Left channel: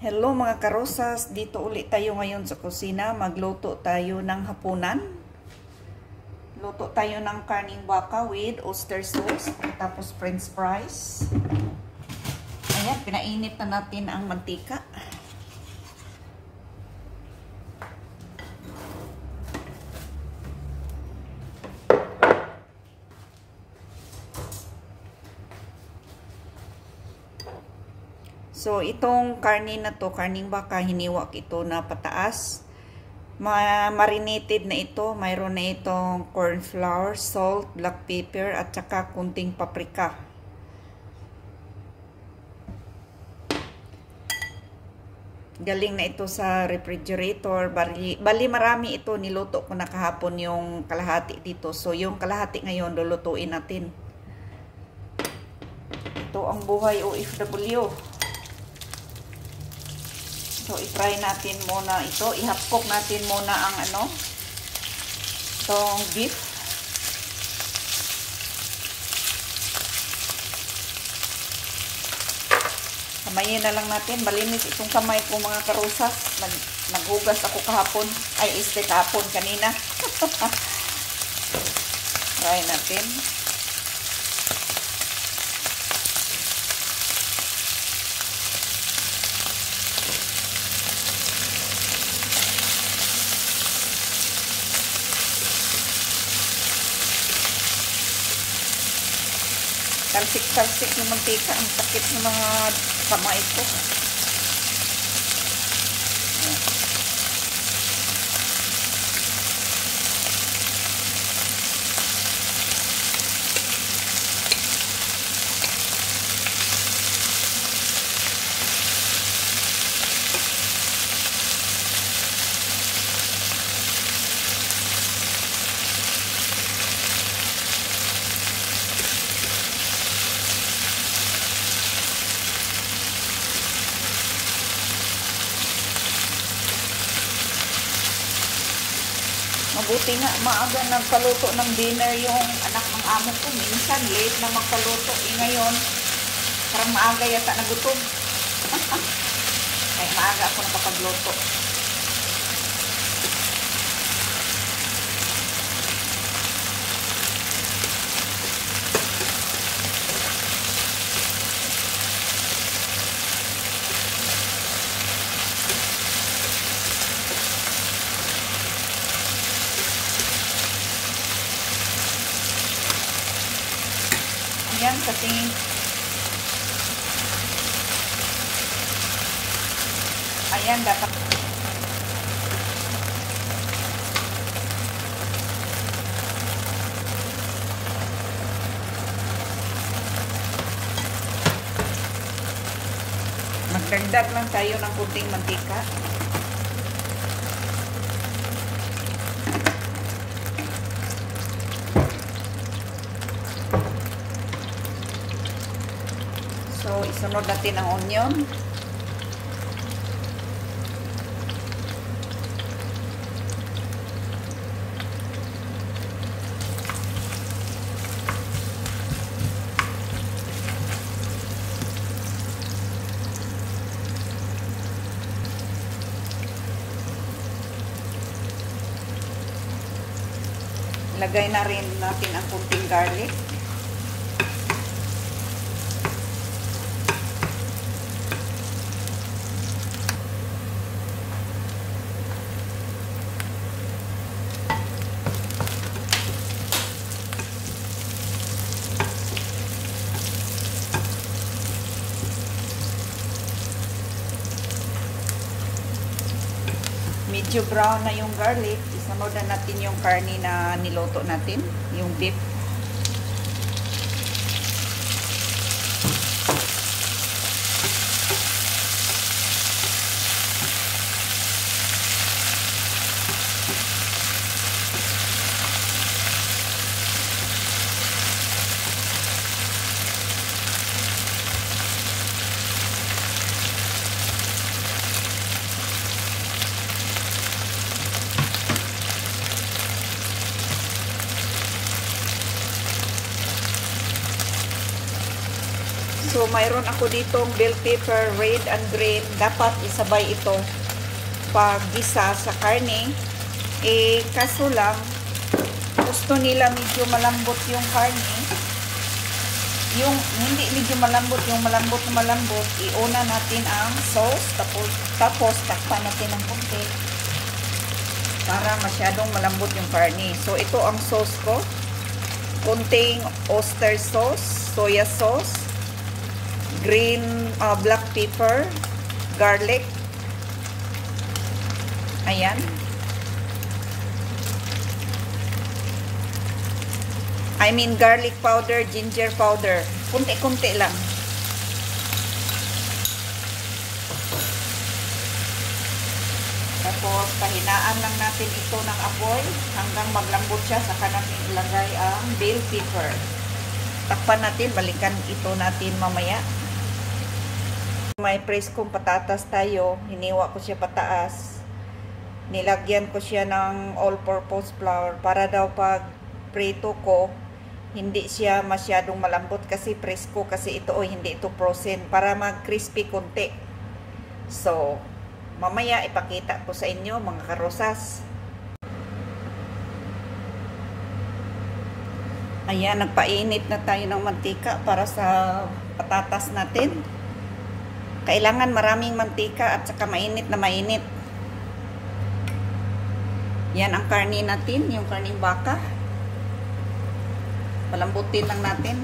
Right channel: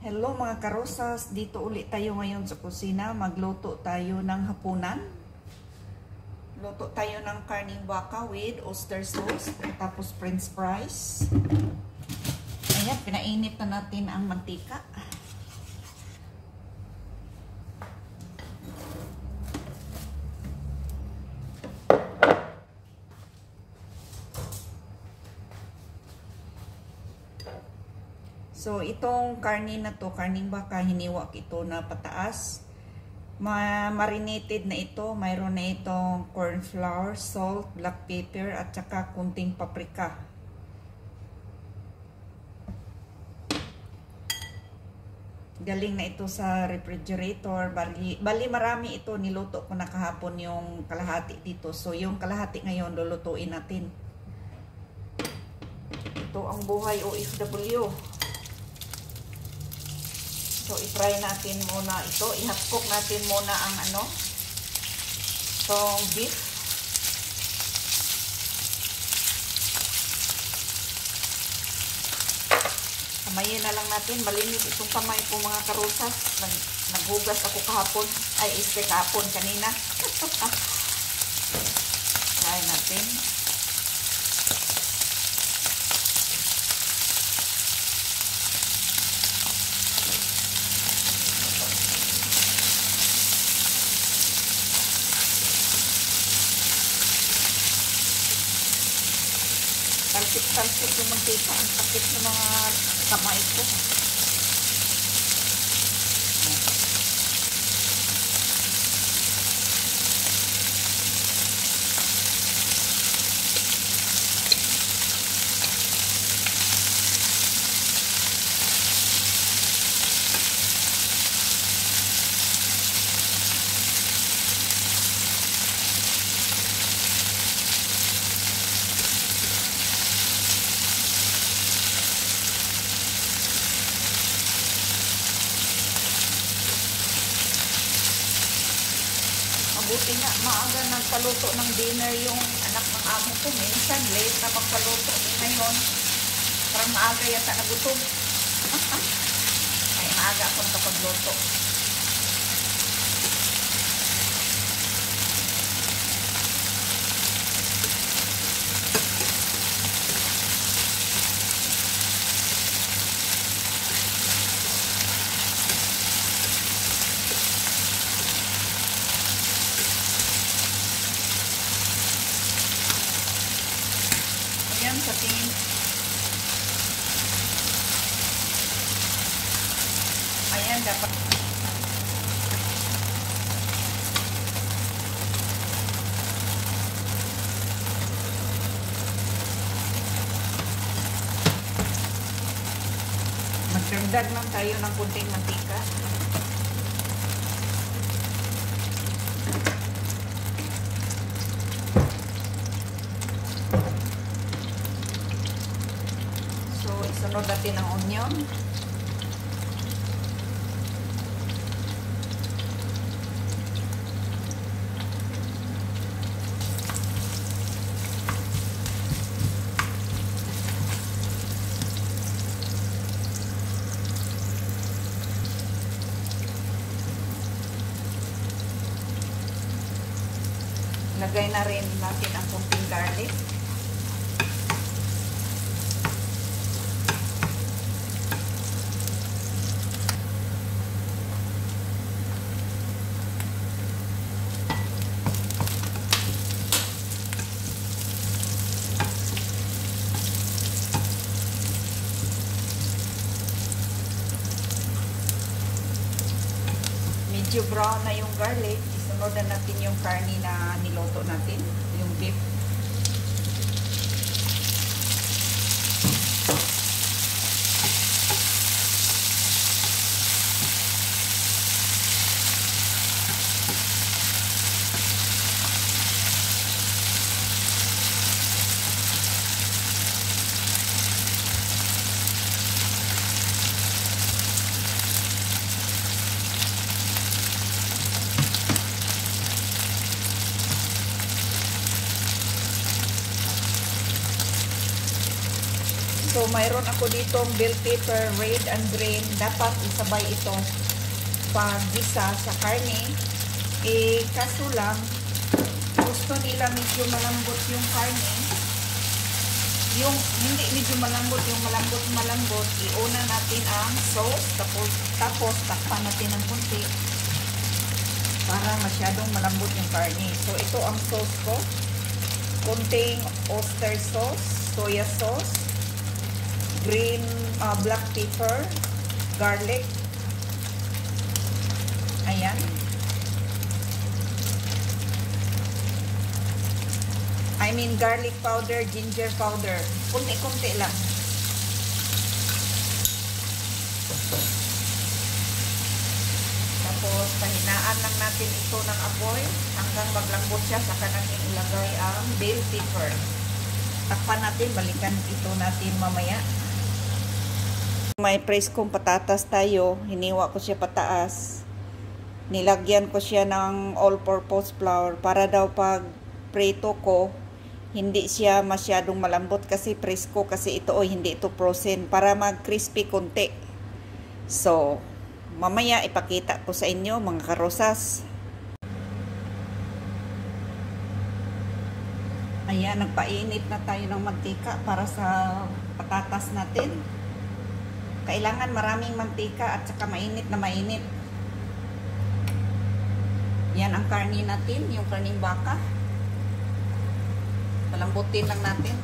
Hello mga karosas, dito ulit tayo ngayon sa kusina. Magluto tayo ng hapunan. Luto tayo ng karning baka with oyster sauce, tapos french fries. Ayan, pinainit na natin ang mantika. So, itong karne na to, karning baka, hiniwak ito na pataas. Marinated na ito. Mayroon na itong corn flour, salt, black pepper, at saka kunting paprika. Galing na ito sa refrigerator. Bali marami ito. Niluto ko na kahapon yung kalahati dito. So, yung kalahati ngayon, lulutuin natin. Ito ang buhay OFW. So, i-try natin muna ito. Ihapok natin muna ang itong beef. Kamayin na lang natin. Malinis itong kamay ko mga karusas. Naghugas ako kahapon. Ay, kahapon kanina. Try natin. Talsik-talsik yung mantika. Ang sakit ng mga kamay ko. Buti nga, maaga nagpaluto ng dinner yung anak ng amo ko. Minsan, late na magpaluto. Ngayon, parang maaga yata nagutom. Kaya maaga ako nakapagluto. Yan sa tingin. Ayan, dapat. Magdagdag lang tayo ng kunting mantika. Isunod natin ang onion. Lagay na rin natin ang kunting garlic. Medyo brown na yung garlic. Isunod na natin yung karne na niluto natin, yung beef. So, mayroon ako ditong bell pepper, red and green. Dapat isabay ito pag gisa sa karne. Eh, kaso lang, gusto nila medyo malambot yung karne. Yung hindi medyo malambot, yung malambot, iuna natin ang sauce. Tapos takpan natin ng konti para masyadong malambot yung karne. So, ito ang sauce ko. Konting oyster sauce, soya sauce, green black pepper, garlic. Ayan. I mean garlic powder, ginger powder. Kunti-kunti lang. Tapos pahinaan lang natin ito ng apoy hanggang maglambot siya. Saka natin ilagay ang bell pepper. Takpan natin, balikan ito natin mamaya. May preskong patatas tayo. Hiniwa ko siya pataas. Nilagyan ko siya ng all-purpose flour para daw pag prito ko, hindi siya masyadong malambot kasi presko kasi ito hindi ito frozen para mag-crispy konti. So, mamaya ipakita ko sa inyo mga karosas. Ayan, nagpainit na tayo ng mantika para sa patatas natin. Kailangan maraming mantika at saka mainit na mainit. Yan ang karni natin, yung karning baka. Palambutin lang natin.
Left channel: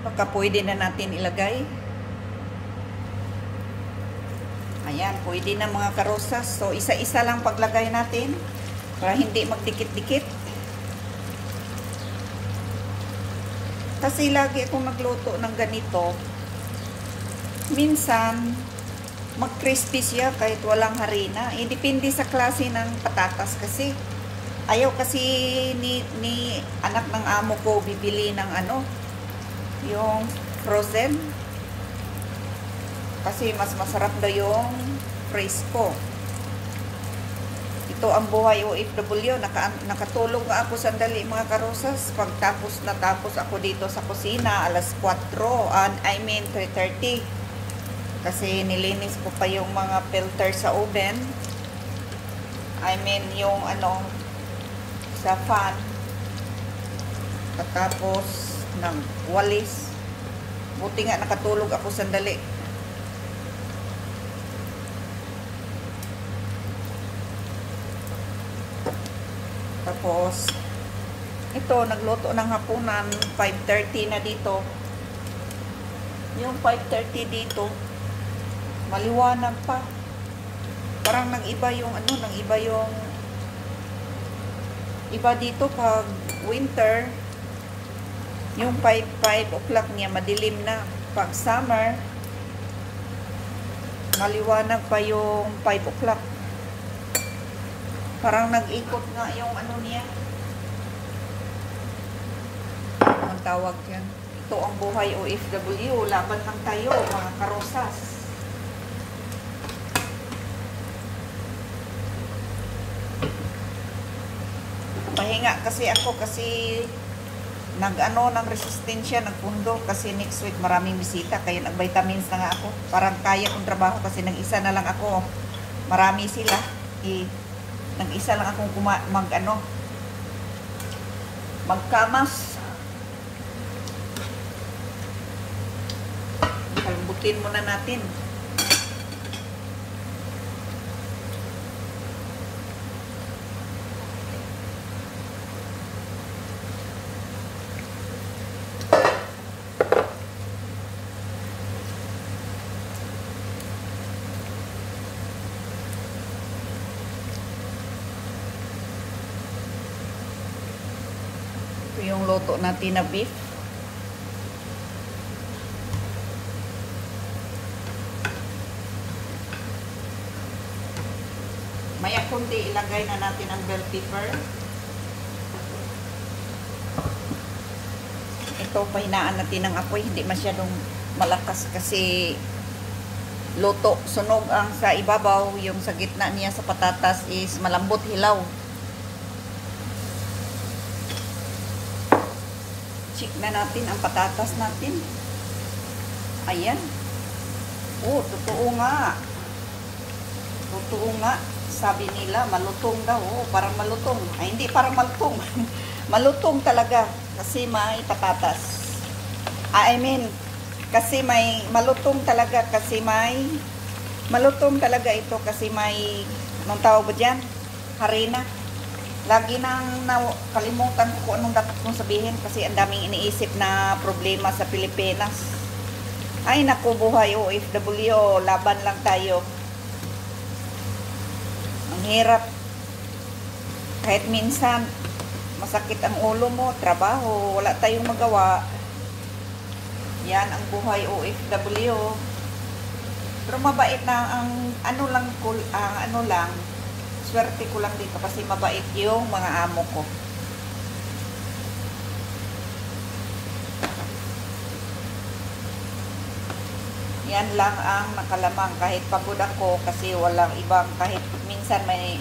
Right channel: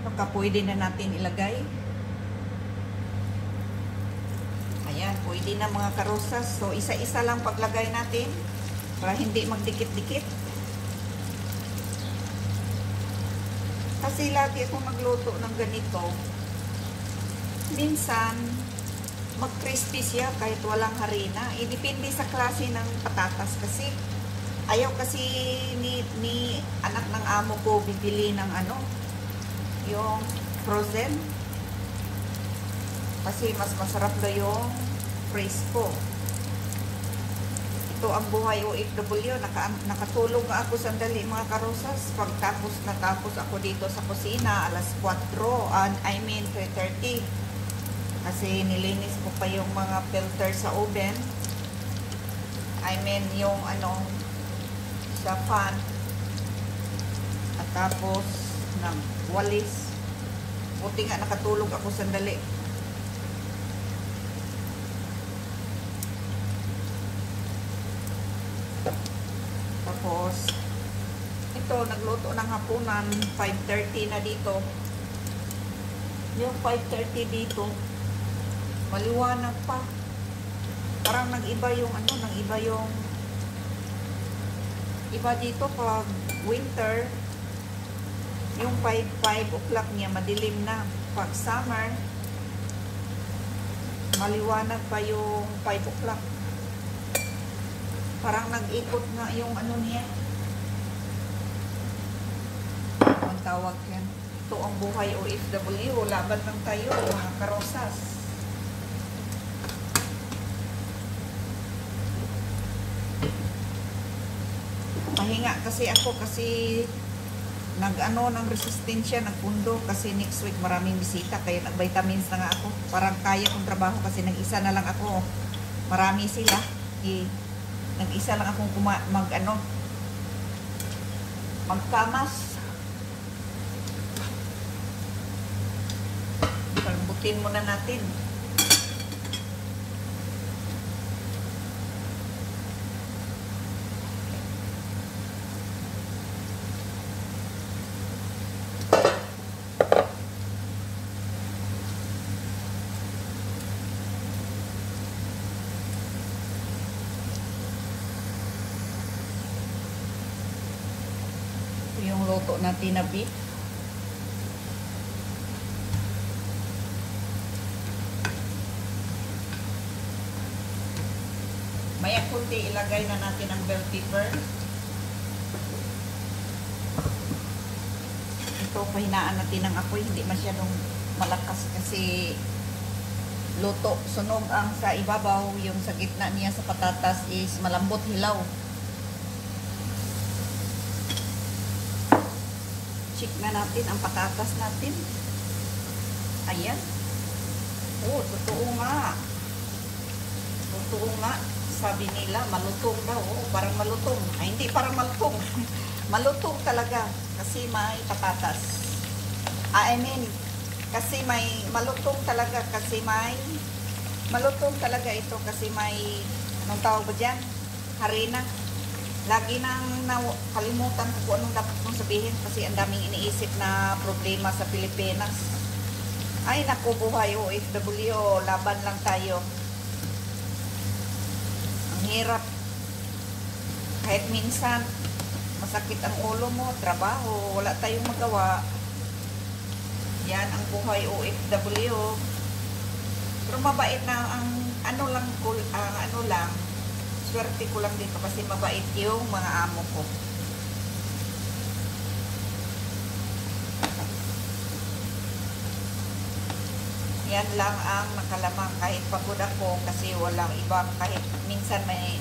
Baka pwede na natin ilagay. Ayan, pwede na mga karosas. So, isa-isa lang paglagay natin para hindi magdikit-dikit. Kasi lagi akong nagluto ng ganito. Minsan, mag-crispy siya kahit walang harina. Eh, depende sa klase ng patatas kasi. Ayaw kasi ni anak ng amo ko bibili ng yung frozen. Kasi mas masarap daw yung fresco. Ito ang buhay OFW. Nakatulog nga ako sandali mga karosas. Pagtapos natapos ako dito sa kusina alas 4 3:30. Kasi nilinis ko pa yung mga filter sa oven. I mean yung sa fan. Tapos ng walis. Buti nga nakatulog ako sandali. Tapos ito, nagluto ng hapunan. 5:30 na dito. Yung 5:30 dito maliwanag pa. Parang nag-iba yung nag-iba yung iba dito pag winter. Yung 5 o'clock niya, madilim na. Pag summer, maliwanag pa yung 5 o'clock. Parang nag-ikot nga yung niya. Ang tawag yan. Ito ang buhay OFW. Laban lang tayo, mga karosas. Pahinga kasi ako kasi ng resistensya, nagpundo kasi next week maraming bisita kaya nag-vitamins na nga ako. Parang kaya kong trabaho kasi nag-isa na lang ako. Marami sila. Nag-isa lang akong magkamas. Palambutin muna natin. Yung luto natin na beef. Maya kunti ilagay na natin ang bell pepper. Ito, pahinaan natin ng apoy. Hindi masyadong malakas kasi luto. Sunog ang sa ibabaw. Yung sa gitna niya sa patatas is malambot hilaw. Check na natin ang patatas natin. Ayan. Oh, totoo nga. Totoo nga. Sabi nila, malutong daw. Oh, parang malutong. Ay, hindi parang malutong. Malutong talaga. Kasi may patatas. I mean, kasi may malutong talaga. Kasi may malutong talaga ito. Kasi may, anong tawag ba dyan? Harina. Lagi nang kalimutan ko anong dapat kong sabihin. Kasi ang daming iniisip na problema sa Pilipinas. Ay, naku, buhay OFW. Laban lang tayo. Hirap. Kahit minsan masakit ang ulo mo, trabaho, wala tayong magawa. Yan ang buhay OFW. Pero mabait lang ang ano lang, swerte ko lang dito kasi mabait yung mga amo ko. Yan lang ang nakalamang kahit pagod ako kasi walang ibang, kahit minsan may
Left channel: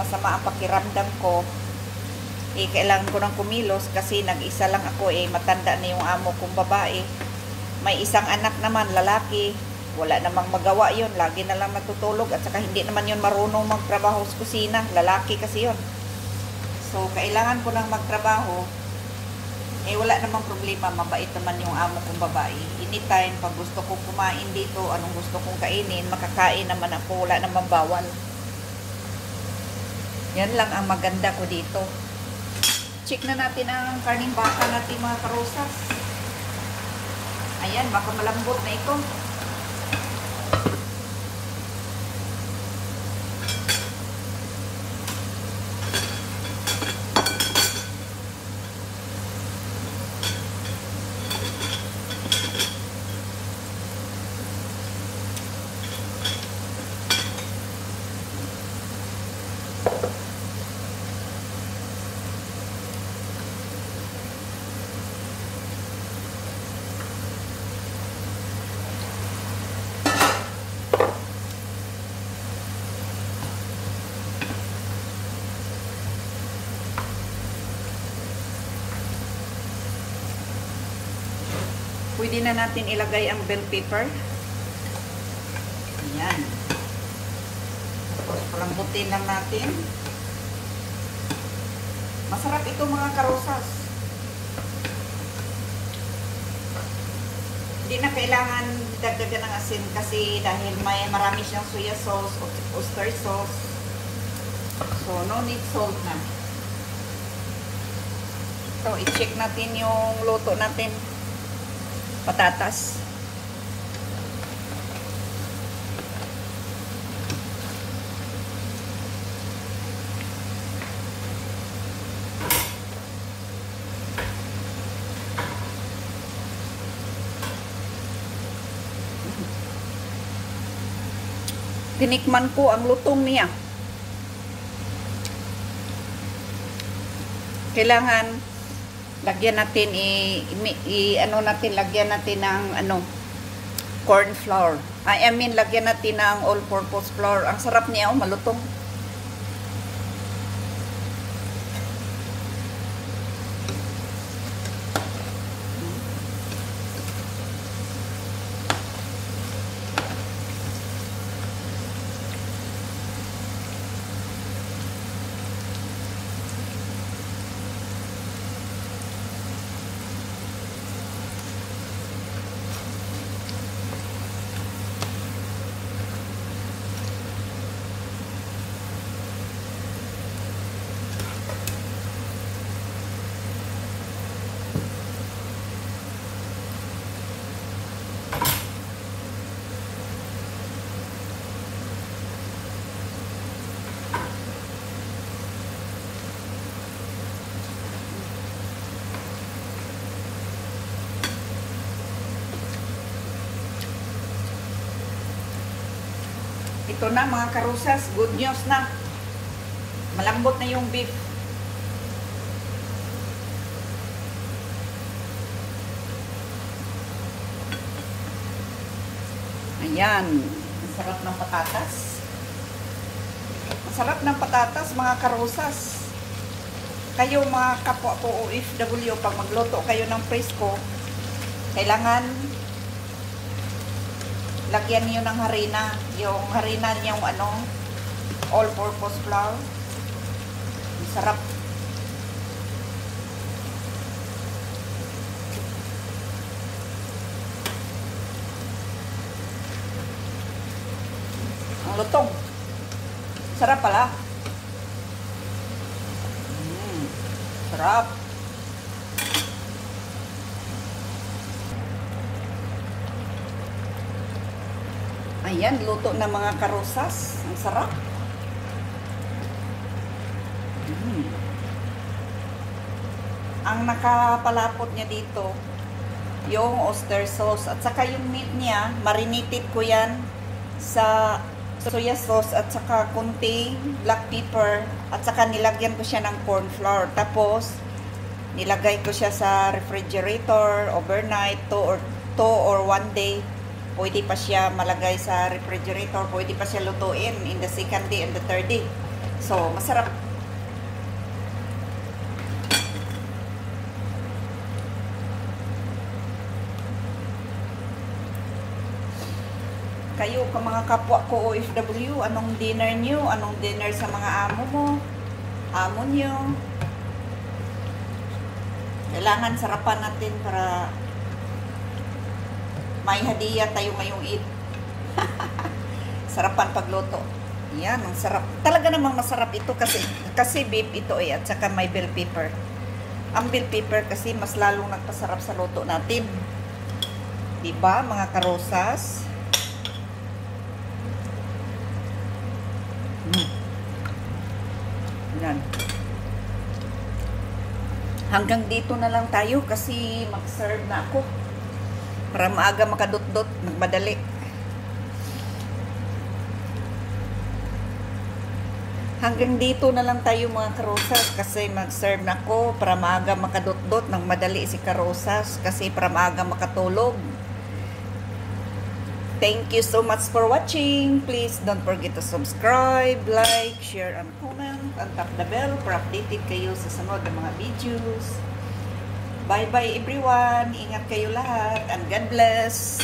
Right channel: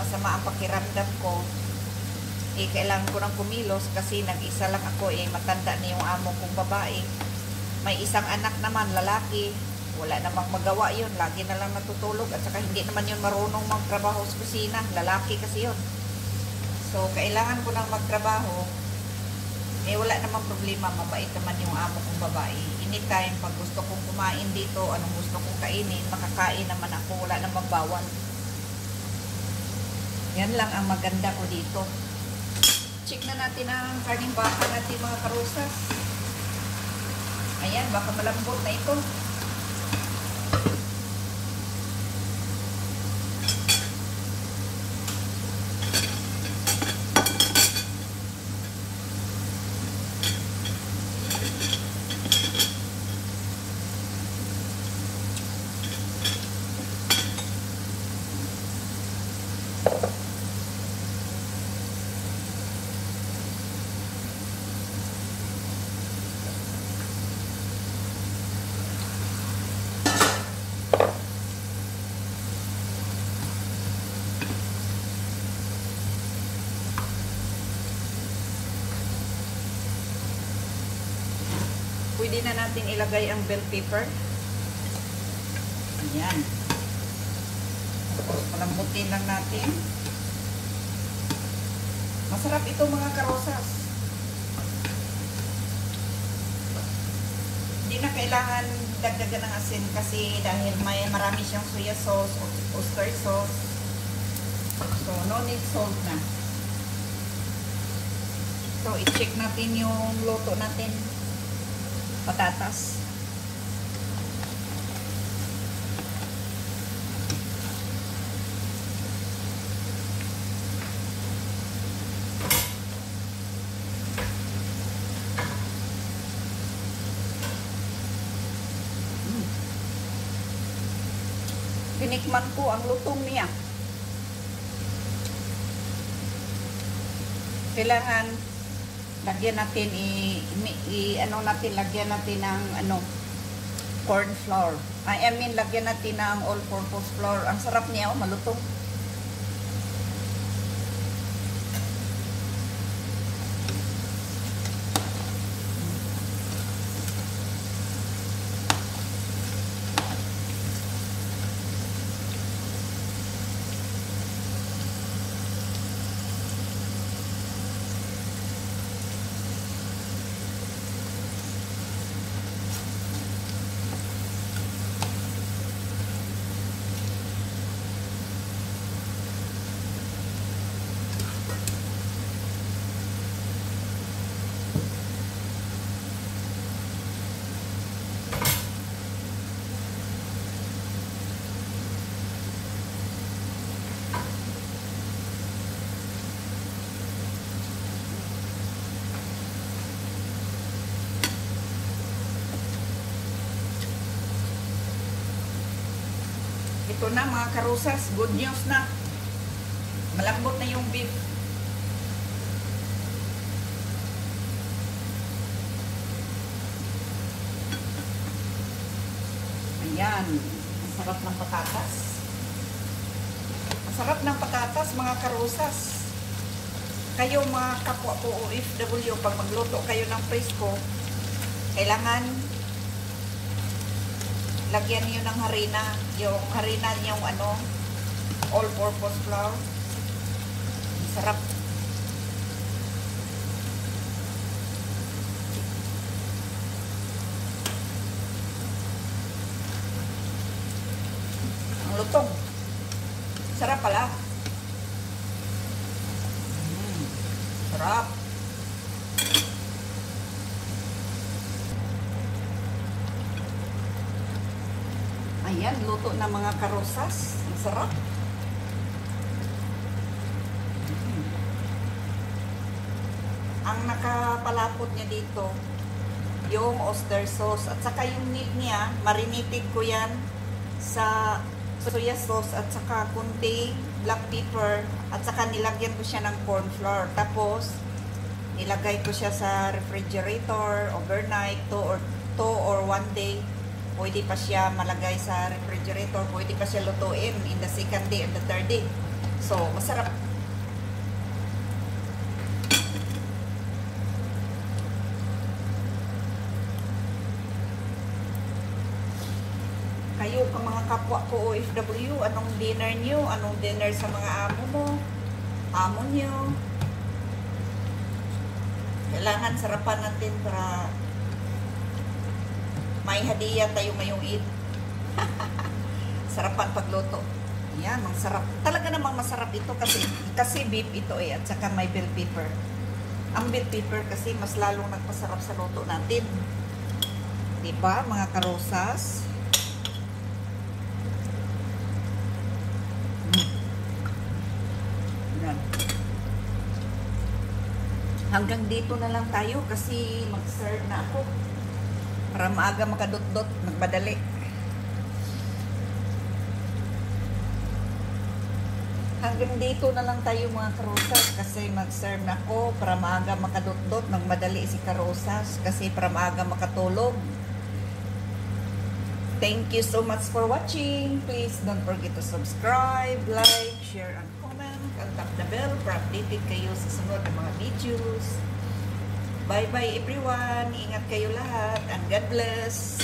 masama ang pakiramdam ko, kailangan ko ng kumilos kasi nag-isa lang ako, matanda na yung amo kong babae. May isang anak naman, lalaki, wala namang magawa yun, lagi na lang natutulog at saka hindi naman yun marunong magtrabaho sa kusina, lalaki kasi yun. So kailangan ko nang magtrabaho, wala namang problema, mabait naman yung amo kong babae. Anytime, pag gusto kong kumain dito, anong gusto kong kainin, makakain naman ako, wala namang bawal. Yan lang ang maganda ko dito. Check na natin ang karning baka natin mga karosas. Ayan, baka malambot na ito. Pwede na natin ilagay ang bell pepper. Ayan. Palambutin lang natin. Masarap ito mga karosas. Hindi na kailangan dagdagan ng asin kasi dahil may marami siyang soya sauce o oyster sauce. So, no need salt na. So, i-check natin yung luto natin. Patatas. Tinikman ko ang lutong niya. Kailangan lagyan natin lagyan natin ng corn flour. I mean lagyan natin ng all-purpose flour. Ang sarap niya, malutong. Ito na mga karusas, good news na. Malambot na yung beef. Ayan. Ang sarap ng patatas. Ang sarap ng patatas, mga karosas. Kayo mga kapwa po OFW, pag magluto kayo ng presko, kailangan lagyan niyo ng harina. Yung harina niyang all-purpose flour. Ang sarap. Ang lutong. Sarap pala. Sarap. Ayan, luto na mga karosas. Ang sarap. Ang nakapalapot niya dito, yung oyster sauce. At saka yung meat niya, marinated ko yan sa soya sauce at saka kunti black pepper. At saka nilagyan ko siya ng corn flour. Tapos, nilagay ko siya sa refrigerator overnight, 2 or 1 day. Pwede pa siya malagay sa refrigerator. Pwede pa siya lutuin in the second day and the third day. So, masarap. Kayo, mga kapwa ko OFW, anong dinner nyo? Anong dinner sa mga amo mo? Amo nyo? Kailangan sarapan natin para may hadiah tayo ngayong Eid. Sarapan pagluto. Yan, ang sarap. Talaga namang masarap ito kasi beef ito at saka may bell pepper. Ang bell pepper kasi mas lalong nagpasarap sa luto natin. Diba, mga karosas? Yan. Hanggang dito na lang tayo kasi mag-serve na ako. Para maaga makadot-dot, magmadali. Hanggang dito na lang tayo mga karosas kasi mag-serve na ako para maaga makadot-dot, magmadali si karosas kasi para maaga makatulog. Thank you so much for watching. Please don't forget to subscribe, like, share, and comment. And tap the bell para updated kayo sa sunod ng mga videos. Bye-bye everyone. Ingat kayo lahat and God bless.